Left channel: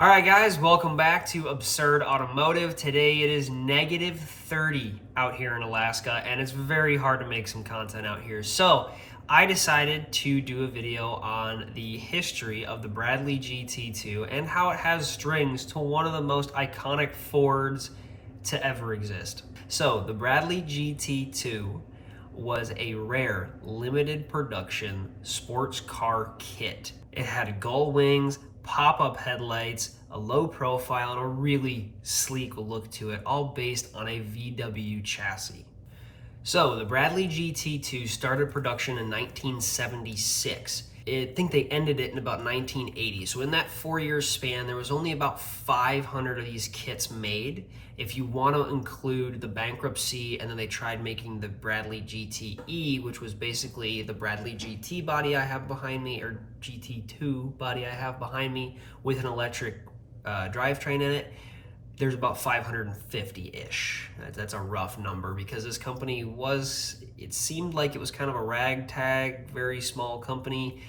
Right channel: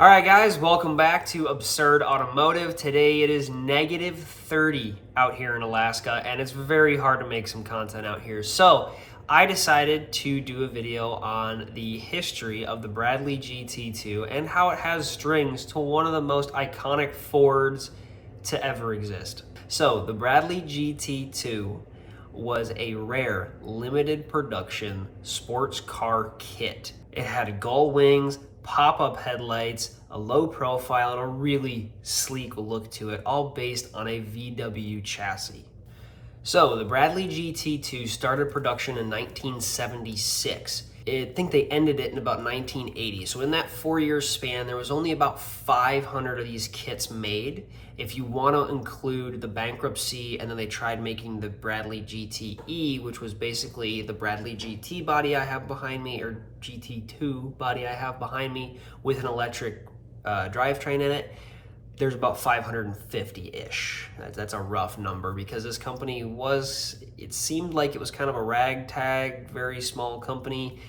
All right, guys, welcome back to Absurd Automotive. Today it is negative 30 out here in Alaska, and it's very hard to make some content out here. So I decided to do a video on the history of the Bradley GT2 and how it has strings to one of the most iconic Fords to ever exist. So the Bradley GT2 was a rare, limited production sports car kit. It had gull wings, pop-up headlights, a low profile, and a really sleek look to it, all based on a VW chassis. So the Bradley GT2 started production in 1976. I think they ended it in about 1980. So in that 4-year span, there was only about 500 of these kits made. If you want to include the bankruptcy, and then they tried making the Bradley GTE, which was basically the Bradley GT body I have behind me, or GT2 body I have behind me, with an electric drivetrain in it, there's about 550-ish. That's a rough number because this company it seemed like it was kind of a ragtag, very small company,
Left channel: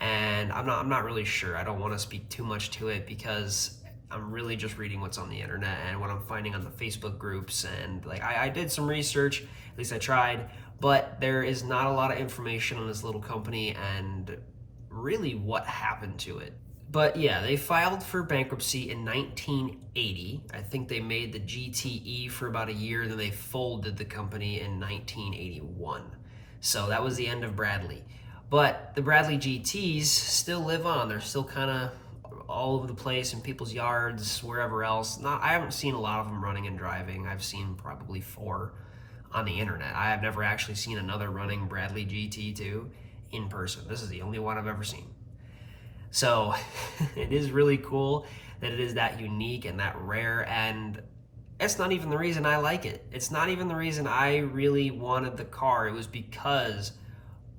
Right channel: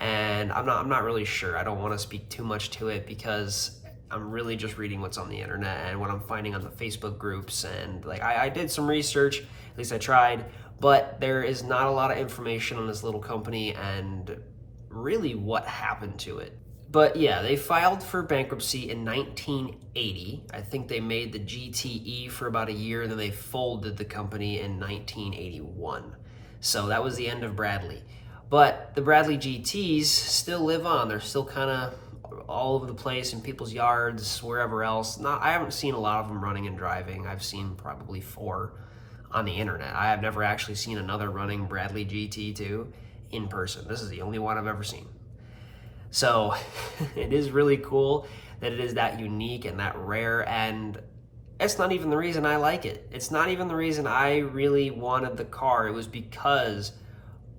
and I'm not really sure. I don't want to speak too much to it because I'm really just reading what's on the internet and what I'm finding on the Facebook groups, and like I did some research, at least I tried, but there is not a lot of information on this little company and really what happened to it. But yeah, they filed for bankruptcy in 1980. I think they made the GTE for about a year, and then they folded the company in 1981. So that was the end of Bradley. But the Bradley GTs still live on. They're still kind of all over the place in people's yards, wherever else. I haven't seen a lot of them running and driving. I've seen probably 4 on the internet. I have never actually seen another running Bradley GT2 in person. This is the only one I've ever seen. So it is really cool that it is that unique and that rare, and it's not even the reason I like it. It's not even the reason I really wanted the car. It was because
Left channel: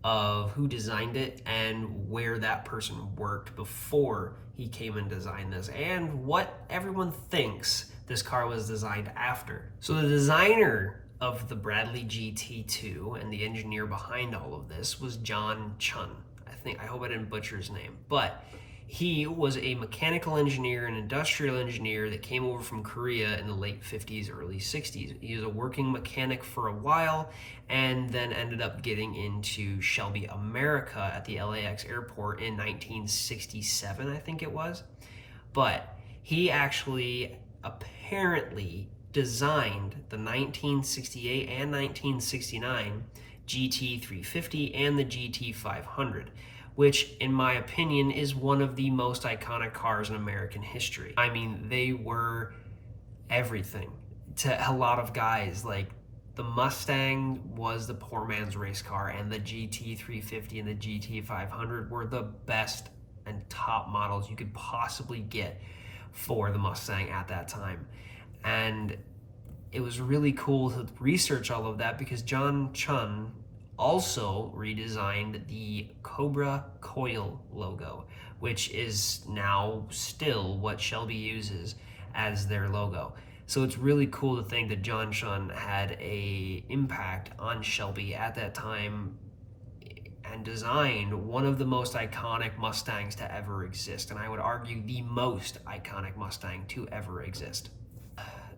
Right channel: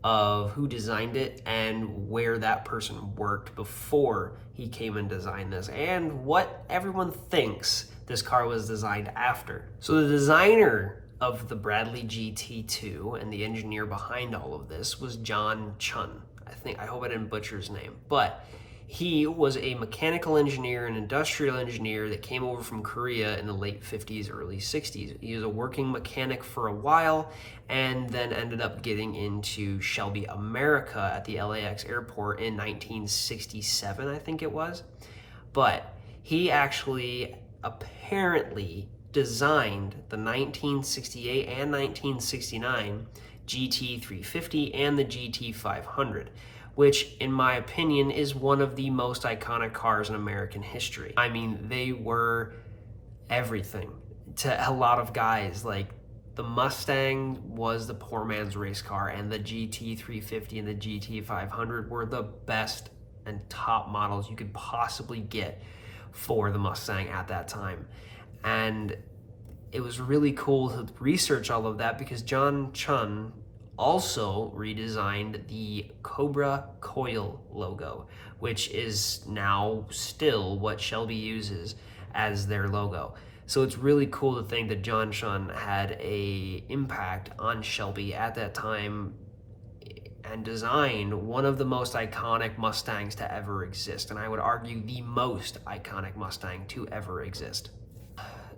of who designed it and where that person worked before he came and designed this, and what everyone thinks this car was designed after. So the designer of the Bradley GT2 and the engineer behind all of this was John Chun. I hope I didn't butcher his name, but he was a mechanical engineer and industrial engineer that came over from Korea in the late 50s, early 60s. He was a working mechanic for a while and then ended up getting into Shelby America at the LAX airport in 1967, I think it was. But he actually apparently designed the 1968 and 1969 GT350 and the GT500, which in my opinion is one of the most iconic cars in American history. I mean, they were everything to a lot of guys. Like, the Mustang was the poor man's race car, and the GT350 and the GT500 were the best and top models you could possibly get for the Mustang at that time. And it was really cool to research all of that because John Chun also redesigned the Cobra coil logo, which is now still what Shelby uses as their logo. So it's really cool to think that John Chun had an impact on Shelby at that time and designed one of the most iconic Mustangs to ever exist, and I would argue the most iconic Mustang to ever exist.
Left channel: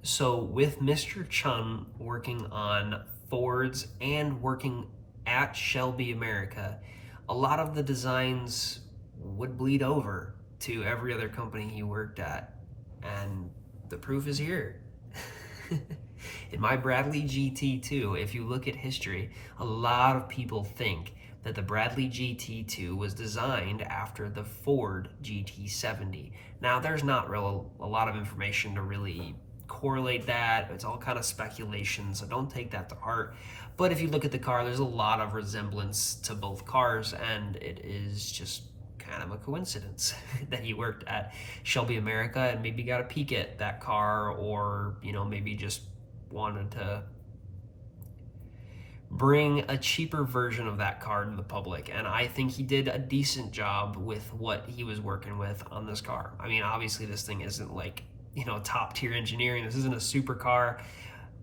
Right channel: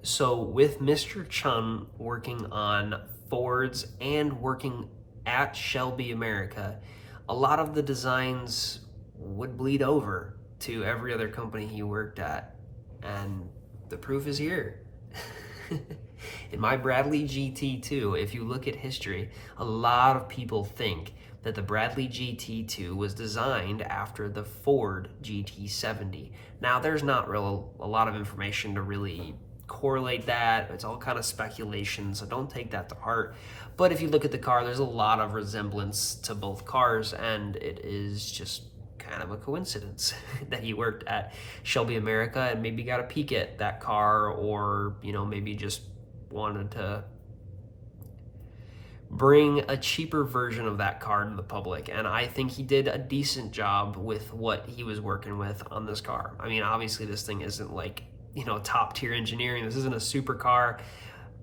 So with Mr. Chun working on Fords and working at Shelby America, a lot of the designs would bleed over to every other company he worked at, and the proof is here. In my Bradley GT2, if you look at history, a lot of people think that the Bradley GT2 was designed after the Ford GT70. Now, there's not a lot of information to really correlate that. It's all kind of speculation, so don't take that to heart. But if you look at the car, there's a lot of resemblance to both cars, and it is just kind of a coincidence that he worked at Shelby America and maybe got a peek at that car, or maybe just wanted to bring a cheaper version of that car to the public. And I think he did a decent job with what he was working with on this car. I mean, obviously this thing isn't like top tier engineering. This isn't a supercar,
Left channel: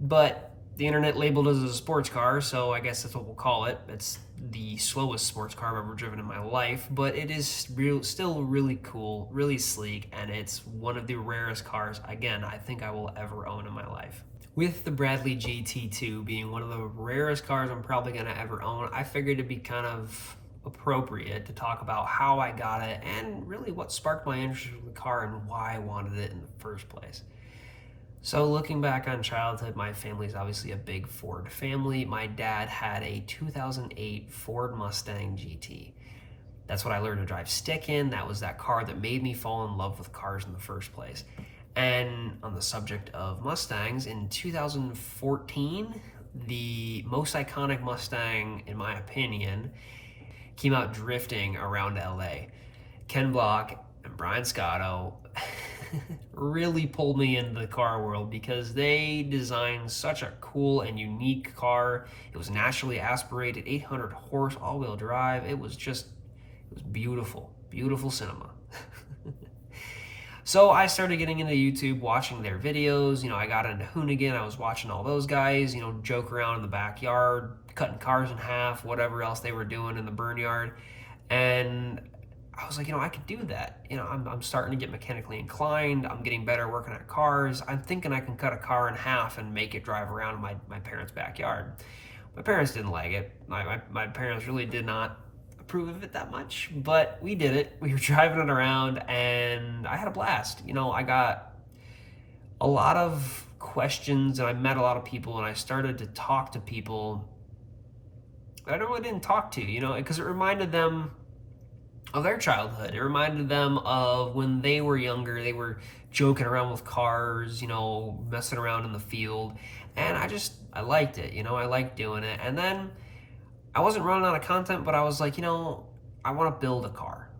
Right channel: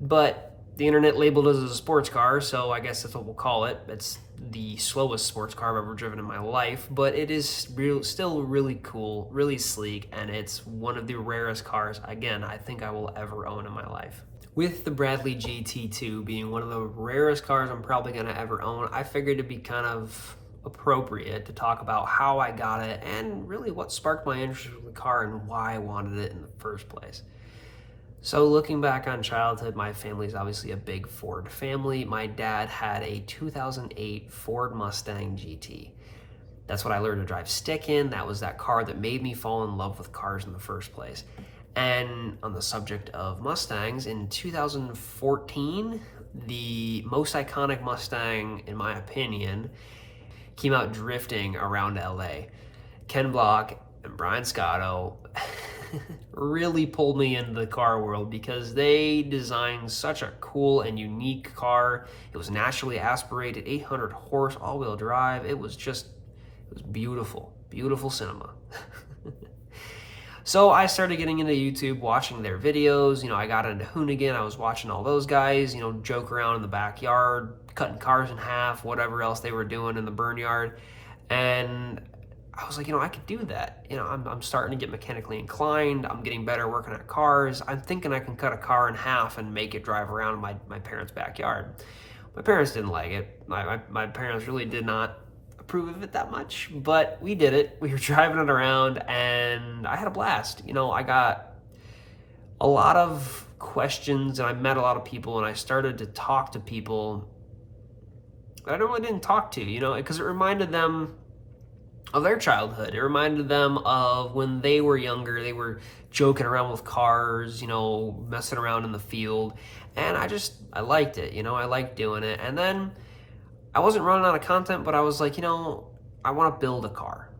but the internet labeled it as a sports car, so I guess that's what we'll call it. It's the slowest sports car I've ever driven in my life, but it is still really cool, really sleek, and it's one of the rarest cars, again, I think I will ever own in my life. With the Bradley GT2 being one of the rarest cars I'm probably going to ever own, I figured it'd be kind of appropriate to talk about how I got it and really what sparked my interest in the car and why I wanted it in the first place. So looking back on childhood, my family's obviously a big Ford family. My dad had a 2008 Ford Mustang GT. That's what I learned to drive stick in. That was that car that made me fall in love with cars in the first place. And on the subject of Mustangs, in 2014, the most iconic Mustang, in my opinion, came out drifting around LA. Ken Block and Brian Scotto really pulled me into the car world because they designed such a cool and unique car. It was naturally aspirated, 800 horse, all-wheel drive. It was beautiful, beautiful cinema. So I started getting into YouTube, watching their videos. You know, I got into Hoonigan. I was watching all those guys, you know, joke around in the backyard, cutting cars in half, whatever else they were doing in the burn yard. And I was like, you know, I could do that. You know, I'm starting to get mechanically inclined. I'm getting better working at cars. I'm thinking I can cut a car in half and make it drive around my parents' backyard. My parents didn't like it. My parents really did not approve of it that much, but we did it. We were driving it around and I had a blast. You know, I got a lot of questions and I met a lot of people and I started to talk to people that I really didn't talk to, you know, because it reminded them of their childhood. It reminded them of when they were younger, they were joking around with cars, you know, messing around in the field. And I liked it, you know, I liked doing it. And then I wasn't running out of content, but I was like, you know, I want to build a car.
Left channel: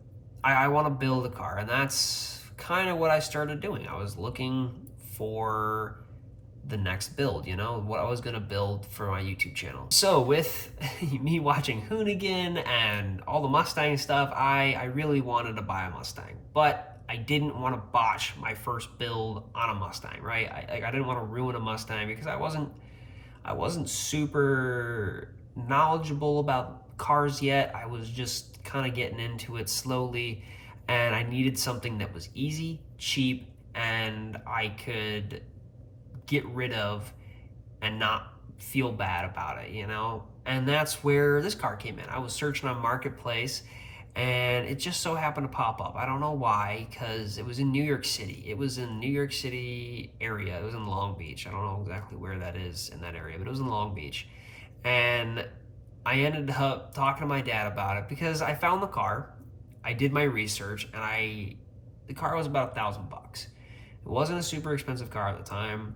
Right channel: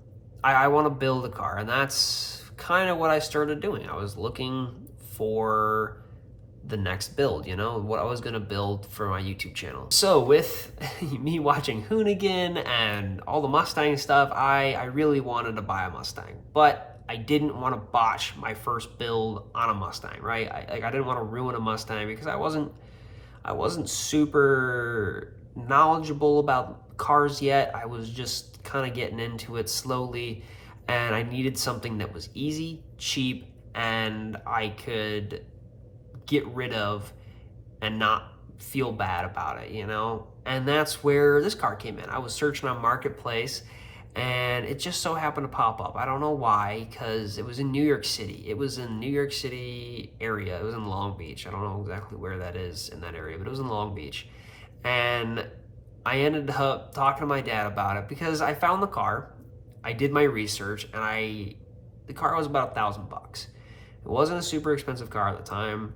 I want to build a car. And that's kind of what I started doing. I was looking for the next build, you know, what I was going to build for my YouTube channel. So with me watching Hoonigan and all the Mustang stuff, I really wanted to buy a Mustang, but I didn't want to botch my first build on a Mustang, right? I didn't want to ruin a Mustang because I wasn't super knowledgeable about cars yet. I was just kind of getting into it slowly, and I needed something that was easy, cheap, and I could get rid of and not feel bad about it, you know? And that's where this car came in. I was searching on Marketplace and it just so happened to pop up. I don't know why, because it was in New York City. It was in New York City area. It was in Long Beach. I don't know exactly where that is in that area, but it was in Long Beach. And I ended up talking to my dad about it because I found the car. I did my research and the car was about $1,000. It wasn't a super expensive car at the time.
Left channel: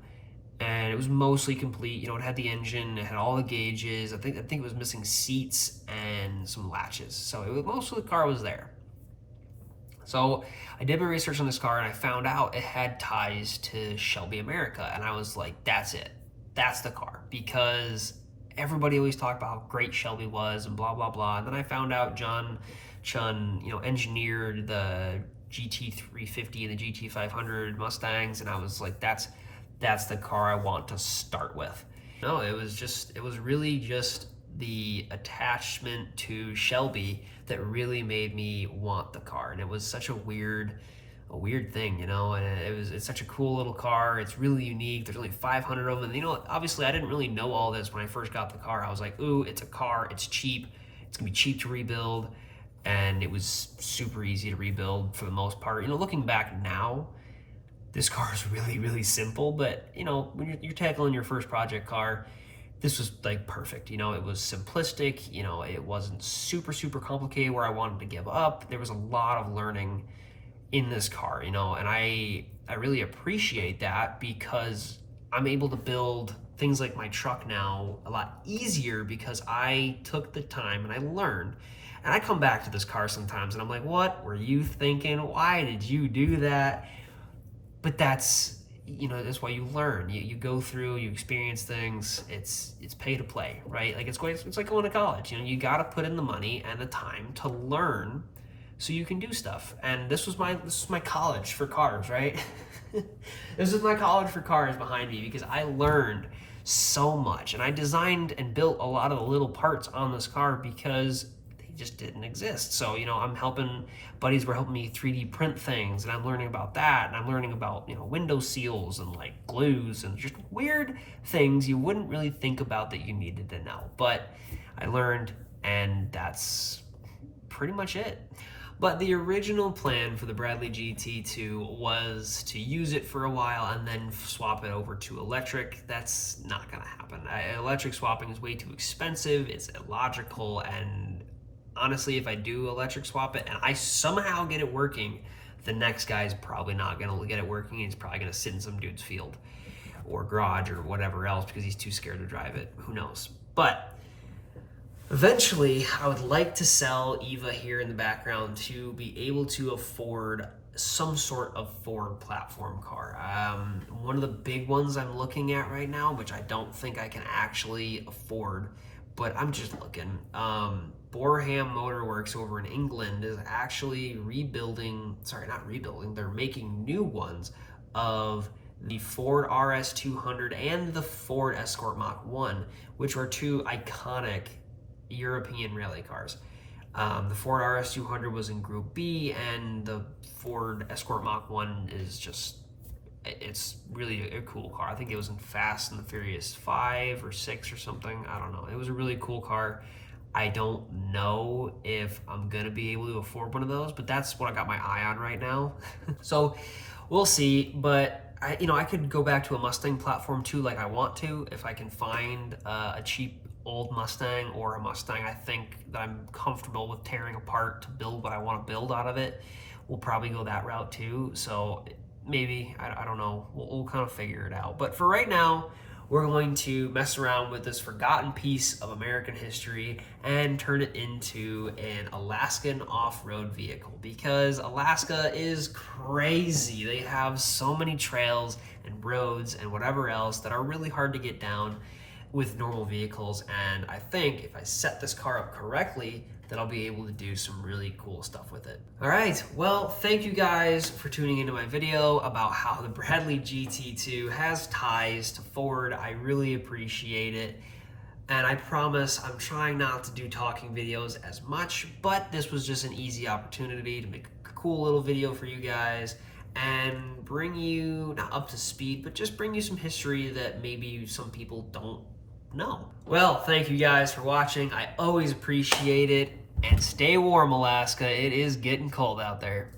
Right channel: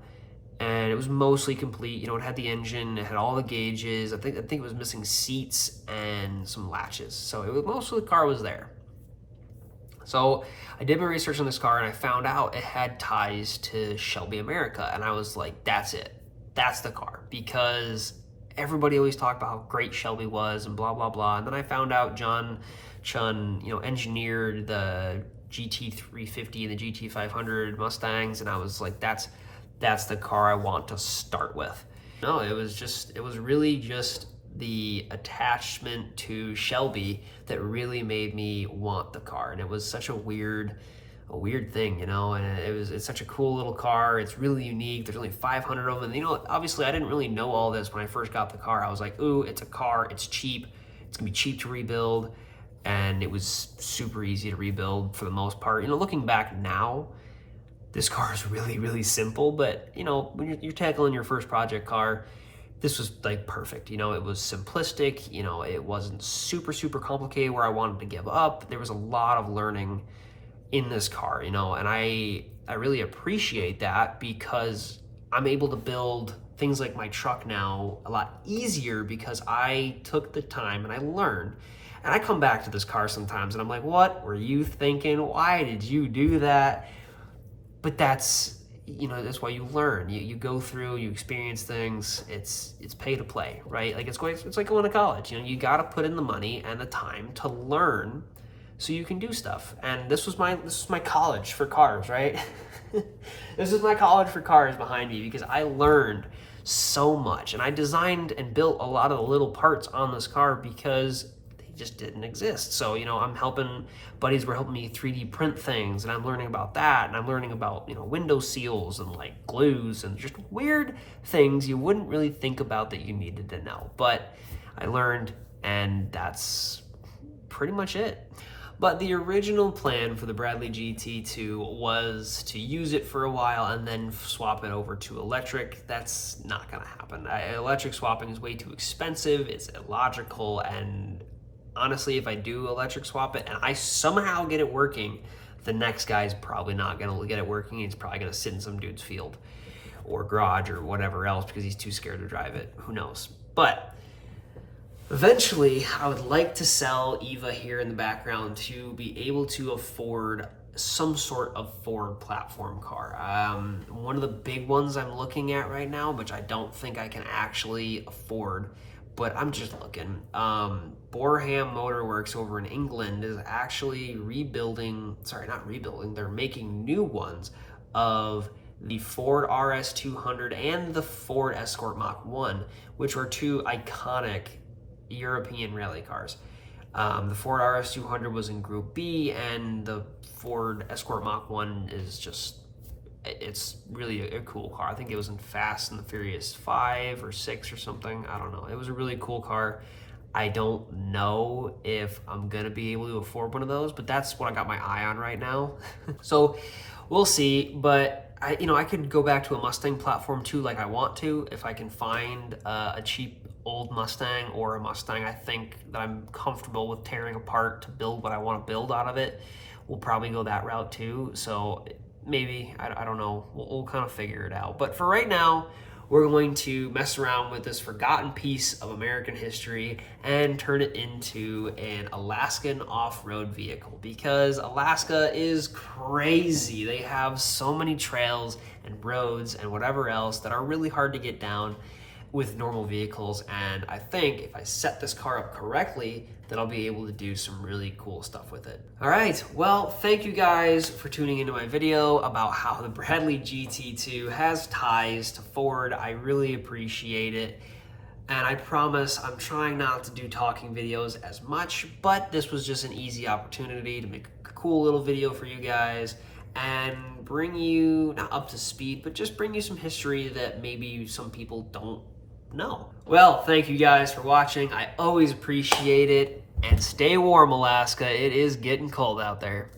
And it was mostly complete. You know, it had the engine, it had all the gauges. I think it was missing seats and some latches. So most of the car was there. So I did my research on this car and I found out it had ties to Shelby America. And I was like, that's it. That's the car. Because everybody always talked about how great Shelby was and blah, blah, blah. And then I found out John Chun, you know, engineered the GT350 and the GT500 Mustangs. And I was like, that's the car I want to start with. No, it was really just the attachment to Shelby that really made me want the car. And it was such a weird thing, you know, and it's such a cool little car. It's really unique. There's only 500 of them. And, you know, obviously I didn't really know all this when I first got the car. I was like, ooh, it's a car, it's cheap. It's gonna be cheap to rebuild. And it was super easy to rebuild for the most part. You know, looking back now, this car is really, really simple, but you know, when you're tackling your first project car, this was like perfect. You know, it was simplistic, you know, it wasn't super, super complicated where I wanted to give up. There was a lot of learning in this car, you know, and I really appreciate that because I'm able to build things like my truck now a lot easier because I took the time and I learned. And I come back to this car sometimes and I'm like, what were you thinking? Why did you do that? But that's, you know, that's why you learn. You go through, you experience things. It's pay to play, right? Like it's like going to college. You know, you got to put in the money and the time to learn, so you can do stuff. And this was my college for cars, right? This is my college for cars behind me because I learned so much. And I designed and built a lot of the little parts on this car because they just didn't exist. So, you know, I'm helping, buddies were helping me 3D print things, and I'm learning about that, and I'm learning about, you know, window seals and like glues and just weird things you wouldn't really think about that you needed to know. But I learned, and that's pretty much it. But the original plan for the Bradley GT2 was to use it for a while and then swap it over to electric. That's not gonna happen. Electric swapping is way too expensive, it's illogical, and honestly, if I do electric swap it and I somehow get it working, the next guy's probably not gonna get it working. He's probably gonna sit in some dude's field or garage or whatever else because he's too scared to drive it. Who knows? But eventually, I would like to sell Eva here in the background to be able to afford some sort of Ford platform car. One of the big ones I'm looking at right now, which I don't think I can actually afford, but I'm just looking. Boreham Motor Works over in England is actually they're making new ones of the Ford RS200 and the Ford Escort Mach 1, which are two iconic European rally cars. The Ford RS200 was in Group B, and the Ford Escort Mach 1 is just, it's really a cool car. I think it was in Fast and the Furious 5 or 6 or something. I don't know. It was a really cool car. I don't know if I'm gonna be able to afford one of those, but that's what I got my eye on right now. So we'll see, but I could go back to a Mustang platform too, like I want to, if I can find a cheap old Mustang or a Mustang I think that I'm comfortable with tearing apart to build what I want to build out of it. We'll probably go that route too. So maybe, I don't know, we'll kind of figure it out. But for right now, we're going to mess around with this forgotten piece of American history and turn it into an Alaskan off-road vehicle, because Alaska is crazy. They have so many trails and roads and whatever else that are really hard to get down with normal vehicles, and I think if I set this car up correctly, that I'll be able to do some really cool stuff with it. All right, well, thank you guys for tuning into my video about how the Bradley GT2 has ties to Ford. I really appreciate it, and I promise I'm trying not to do talking videos as much, but this was just an easy opportunity to make a cool little video for you guys and bring you, not up to speed, but just bring you some history that maybe some people don't know. Well, thank you guys for watching. I always appreciate it. And stay warm, Alaska. It is getting cold out there.